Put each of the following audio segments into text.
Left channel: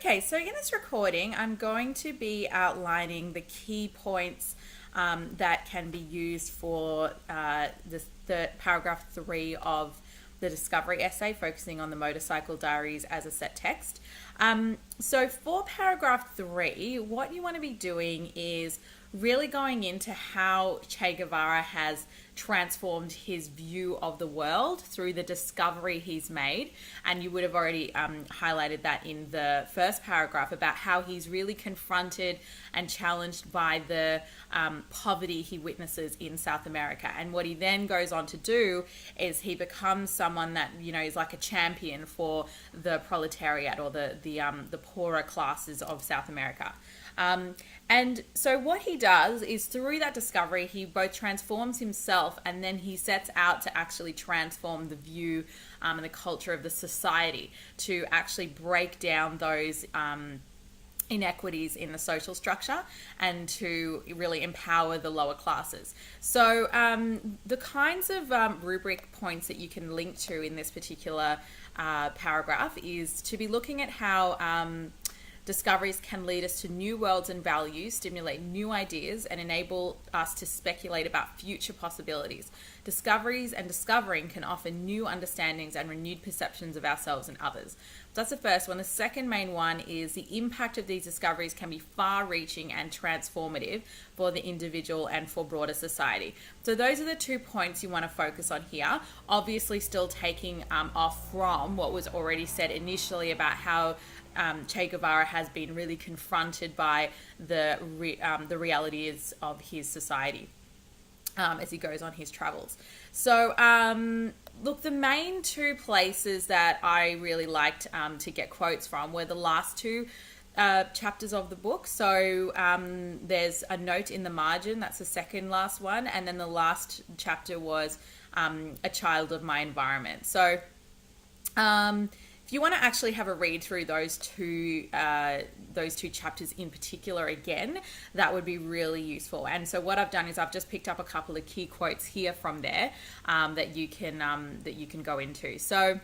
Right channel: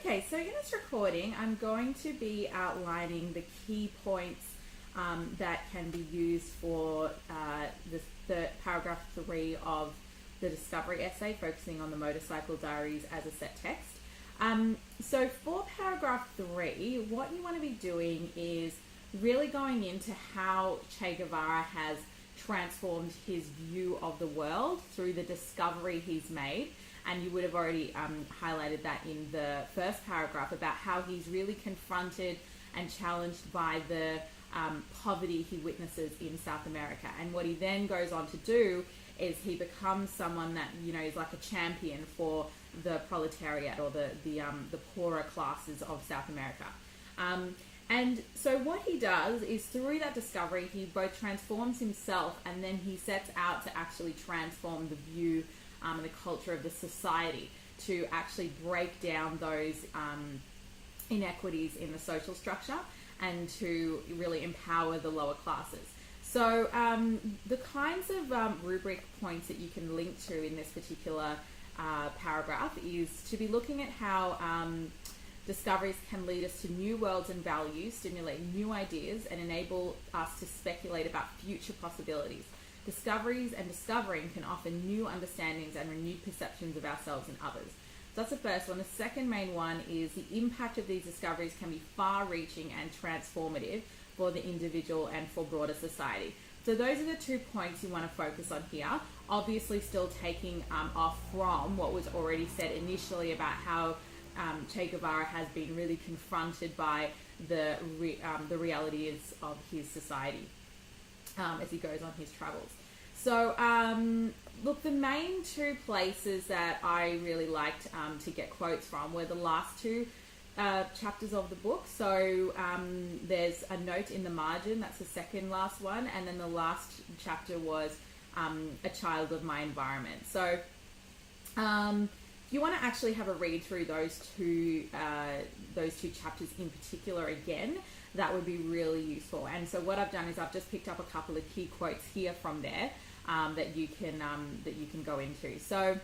Okay, so in this recording, I'm going to be outlining the key points that can be used for the paragraph 3 of the discovery essay, focusing on the Motorcycle Diaries as a set text. So for paragraph 3, what you want to be doing is really going into how Che Guevara has transformed his view of the world through the discovery he's made. And you would have already highlighted that in the first paragraph about how he's really confronted and challenged by the poverty he witnesses in South America. And what he then goes on to do is he becomes someone that, you know, is like a champion for the proletariat or the poorer classes of South America. And so what he does is through that discovery, he both transforms himself and then he sets out to actually transform the view and the culture of the society to actually break down those inequities in the social structure and to really empower the lower classes. So the kinds of rubric points that you can link to in this particular paragraph is to be looking at how discoveries can lead us to new worlds and values, stimulate new ideas, and enable us to speculate about future possibilities. Discoveries and discovering can offer new understandings and renewed perceptions of ourselves and others. So that's the first one. The second main one is the impact of these discoveries can be far-reaching and transformative for the individual and for broader society. So those are the 2 points you want to focus on here. Obviously still taking off from what was already said initially about how Che Guevara has been really confronted by the realities of his society as he goes on his travels. So, look, the main 2 places that I really liked to get quotes from were the last 2 chapters of the book. So there's a note in the margin, that's the second last one, and then the last chapter was a child of my environment. So if you want to actually have a read through those two chapters in particular again, that would be really useful. And so what I've done is I've just picked up a couple of key quotes here from there that you can go into. So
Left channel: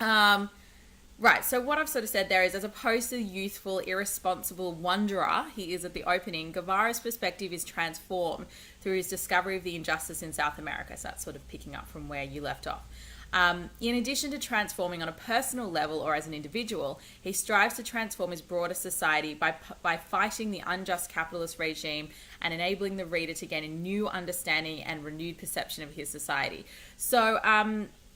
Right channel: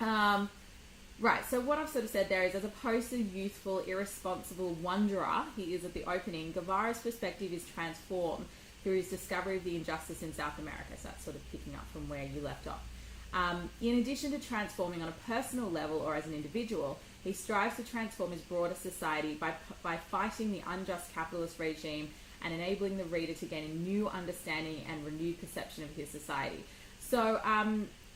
right, so what I've sort of said there is, as opposed to the youthful, irresponsible wanderer he is at the opening, Guevara's perspective is transformed through his discovery of the injustice in South America. So that's sort of picking up from where you left off. In addition to transforming on a personal level or as an individual, he strives to transform his broader society by fighting the unjust capitalist regime and enabling the reader to gain a new understanding and renewed perception of his society. So,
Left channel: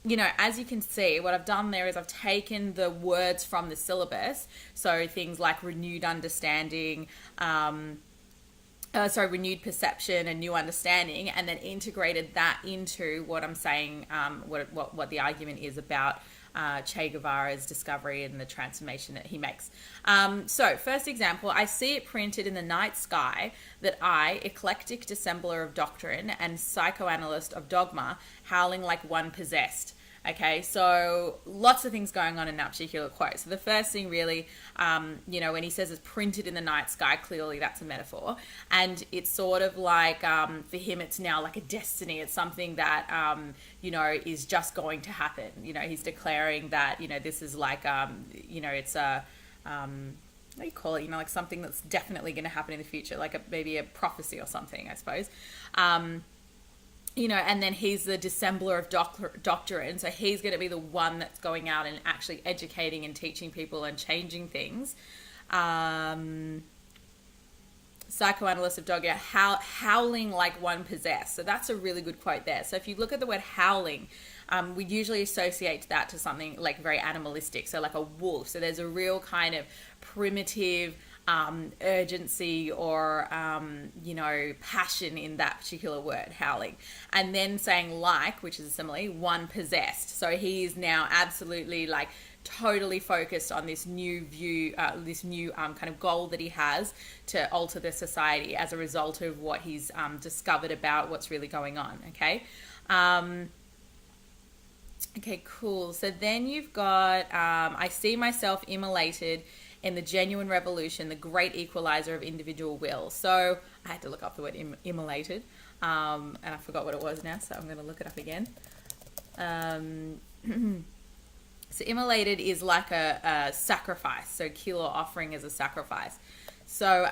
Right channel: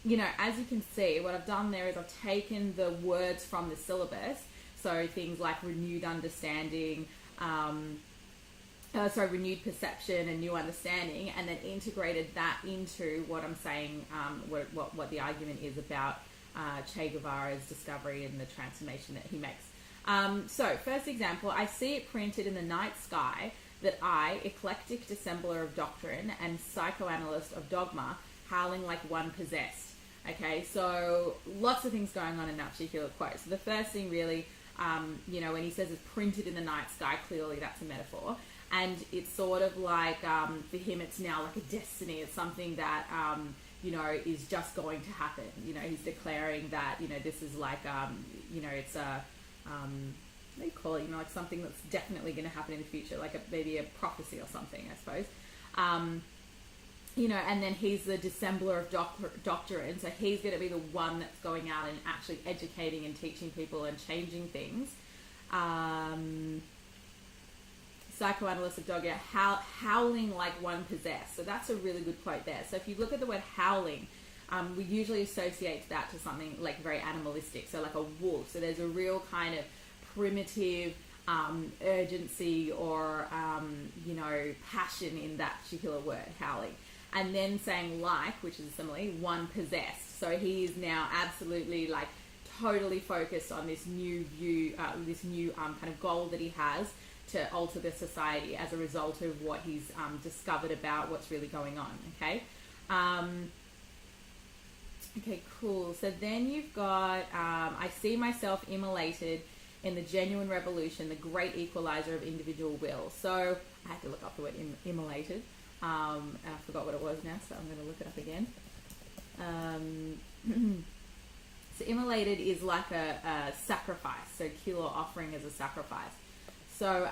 you know, as you can see, what I've done there is I've taken the words from the syllabus, so things like renewed understanding, renewed perception and new understanding, and then integrated that into what I'm saying, what the argument is about Che Guevara's discovery and the transformation that he makes. So, first example, I see it printed in the night sky that I, eclectic dissembler of doctrine and psychoanalyst of dogma, howling like one possessed. Okay, so lots of things going on in that particular quote. So the first thing really, you know, when he says it's printed in the night sky, clearly that's a metaphor. And it's sort of like, for him, it's now like a destiny. It's something that, you know, is just going to happen. You know, he's declaring that, you know, this is like, you know, it's a, what do you call it? You know, like something that's definitely going to happen in the future, like maybe a prophecy or something, I suppose. You know, and then he's the dissembler of doctrine, so he's going to be the one that's going out and actually educating and teaching people and changing things. Psychoanalyst of dogma, howling like one possessed. So that's a really good quote there. So if you look at the word howling, we usually associate that to something like very animalistic, so like a wolf. So there's a real kind of primitive urgency or, you know, passion in that particular word, howling. And then saying like, which is a simile, one possessed. So he is now absolutely like totally focused on this new view, this new kind of goal that he has to alter the society as a result of what he's discovered about what's really going on, okay? Okay, cool. So then you've got, I see myself immolated in the genuine revolution, the great equalizer of individual will. So I had to look up the word immolated, and I forgot what it was now, so I'm going to look it up again. So immolated is like a sacrifice. So kill or offering is a sacrifice. So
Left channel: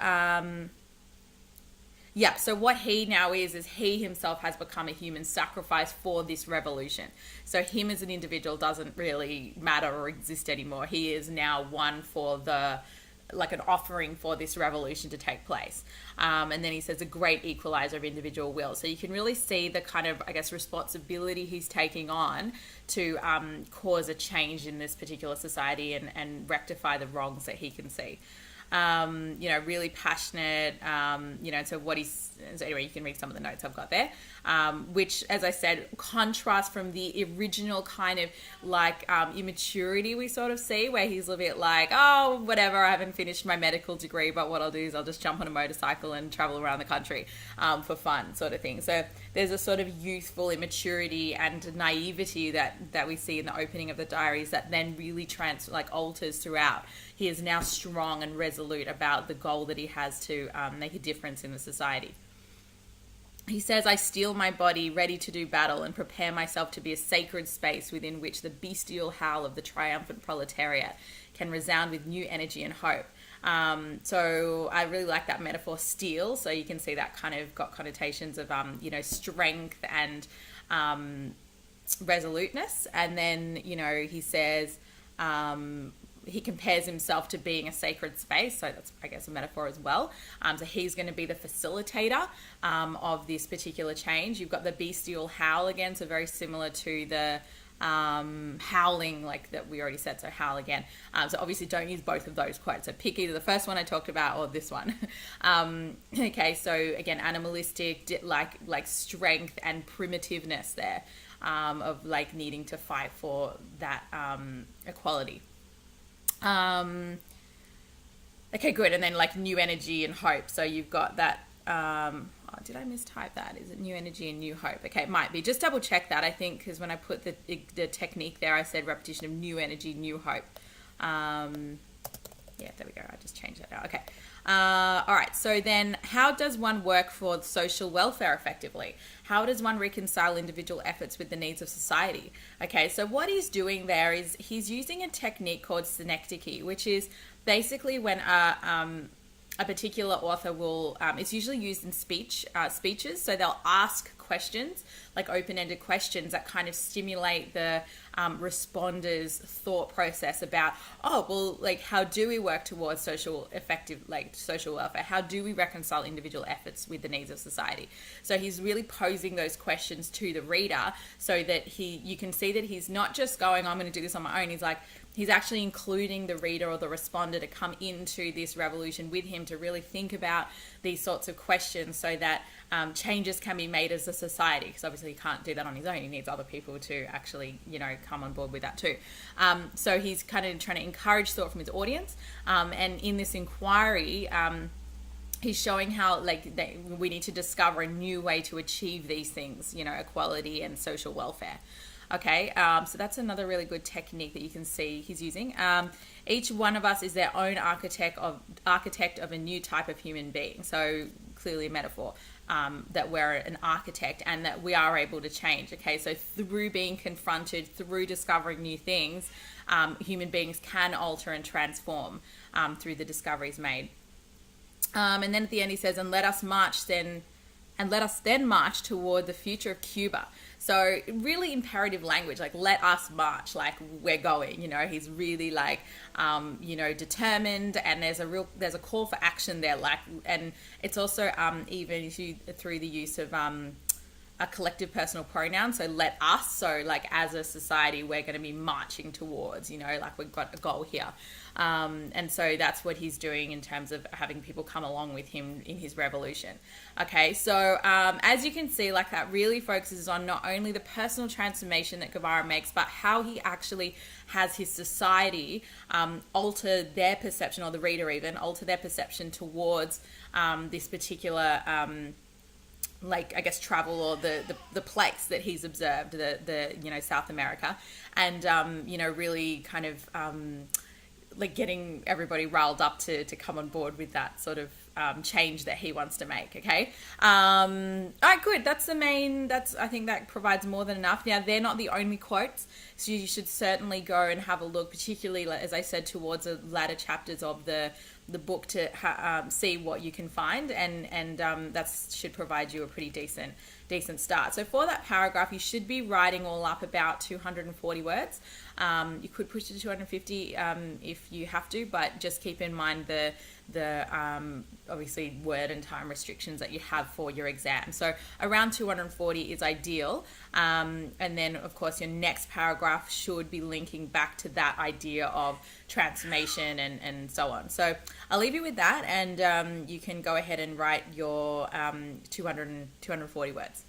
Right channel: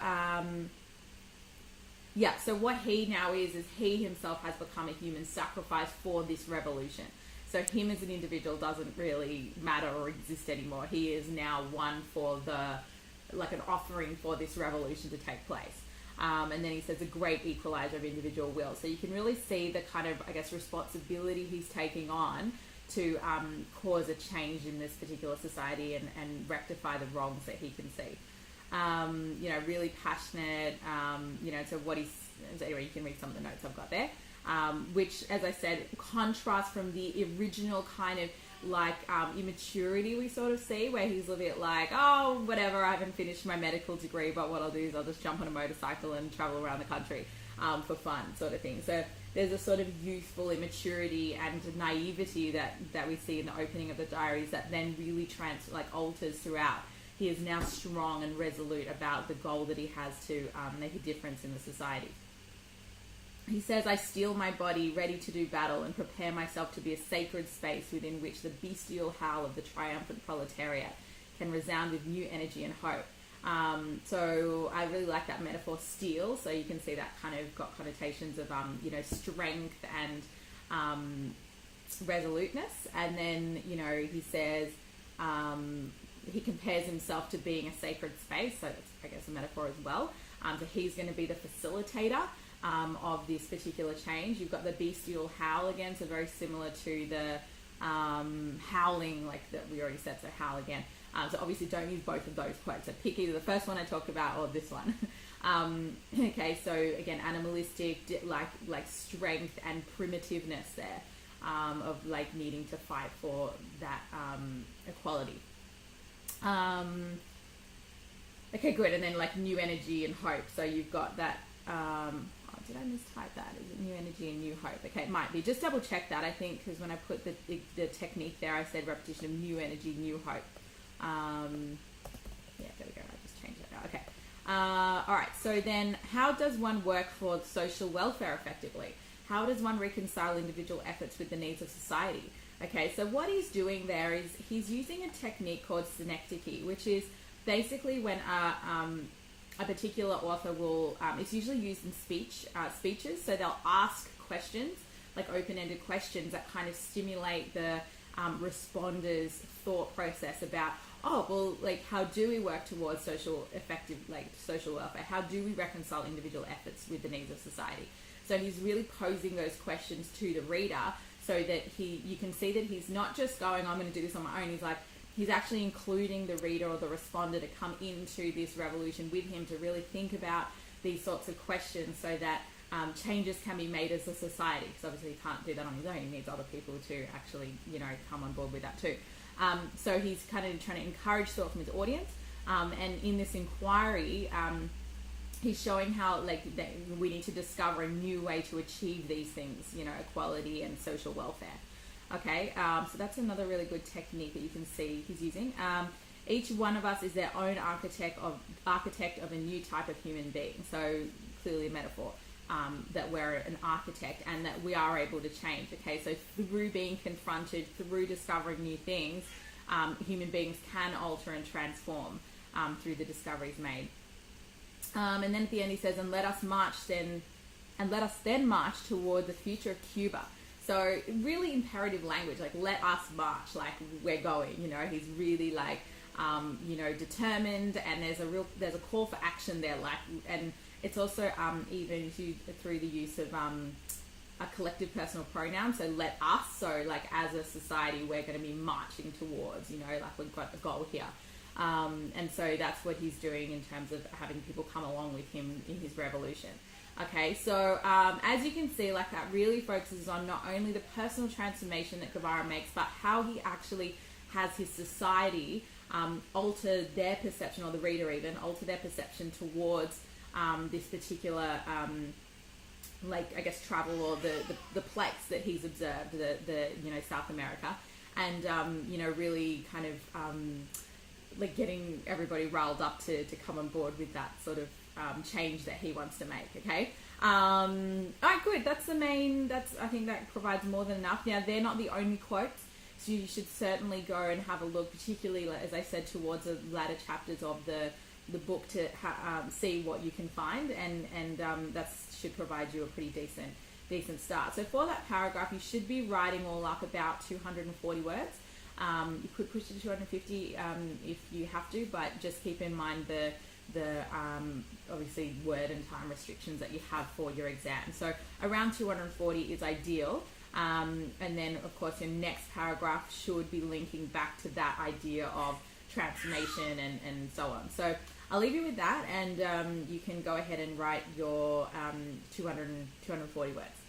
yeah, so what he now is he himself has become a human sacrifice for this revolution. So him as an individual doesn't really matter or exist anymore. He is now one for like an offering for this revolution to take place. And then he says a great equalizer of individual will. So you can really see the kind of, I guess, responsibility he's taking on to cause a change in this particular society and rectify the wrongs that he can see. Really passionate, so so anyway, you can read some of the notes I've got there, which, as I said, contrasts from the original kind of like immaturity we sort of see, where he's a bit like, oh, whatever, I haven't finished my medical degree, but what I'll do is I'll just jump on a motorcycle and travel around the country for fun, sort of thing. So there's a sort of youthful immaturity and naivety that we see in the opening of the diaries that then really alters throughout. He is now strong and resolute about the goal that he has to make a difference in the society. He says, I steel my body ready to do battle and prepare myself to be a sacred space within which the bestial howl of the triumphant proletariat can resound with new energy and hope. So I really like that metaphor, steel. So you can see that kind of got connotations of, strength and resoluteness. And then, he says, he compares himself to being a sacred space. So that's, I guess, a metaphor as well. So he's going to be the facilitator of this particular change. You've got the bestial howl again, so very similar to the howling, like that we already said, so howl again. So obviously don't use both of those quotes. So pick either the first one I talked about or this one. Okay, so again, animalistic, like strength and primitiveness there, of like needing to fight for that equality. Okay, good. And then like new energy and hope. So you've got that, did I mistype that? Is it new energy and new hope? Okay, it might be. Just double check that, I think, because when I put the technique there, I said repetition of new energy, new hope. Yeah, there we go. I just changed that now. Okay. All right. So then how does one work for social welfare effectively? How does one reconcile individual efforts with the needs of society? Okay, so what he's doing there is he's using a technique called synecdoche, which is basically when a particular author will, it's usually used in speeches, so they'll ask questions, like open-ended questions that kind of stimulate the responder's thought process about, how do we work towards social welfare? How do we reconcile individual efforts with the needs of society? So he's really posing those questions to the reader so that you can see that he's not just going, I'm going to do this on my own. He's actually including the reader or the responder to come into this revolution with him to really think about these sorts of questions so that changes can be made as a society, because obviously he can't do that on his own. He needs other people to actually, come on board with that too. So he's kind of trying to encourage thought from his audience. And in this inquiry, he's showing how we need to discover a new way to achieve these things, equality and social welfare. Okay, so that's another really good technique that you can see he's using. Each one of us is their own architect of a new type of human being. So clearly a metaphor. That we're an architect and that we are able to change. Okay, so through being confronted, through discovering new things, human beings can alter and transform through the discoveries made. And then at the end he says, and let us then march toward the future of Cuba. So really imperative language, like let us march, like we're going, he's really determined, and there's a call for action there, and it's also even through the use of a collective personal pronoun. So let us, so as a society, we're going to be marching towards, we've got a goal here. And so that's what he's doing in terms of having people come along with him in his revolution. Okay, so as you can see, that really focuses on not only the personal transformation that Guevara makes, but how he actually has his society alter their perception, or the reader even alter their perception towards this particular travel, or the place that he's observed, the South America, and really kind of getting everybody riled up to come on board with that sort of change that he wants to make. Okay, all right, good. I think that provides more than enough. Now, they're not the only quotes So you should certainly go and have a look, particularly, as I said, towards the latter chapters of the book to see what you can find, and that should provide you a pretty decent start. So for that paragraph, you should be writing all up about 240 words. You could push it to 250 if you have to, but just keep in mind the obviously word and time restrictions that you have for your exam. So around 240 is ideal. And then of course your next paragraph should be linking back to that idea of transformation and so on. So I'll leave you with that, and you can go ahead and write your 240 words.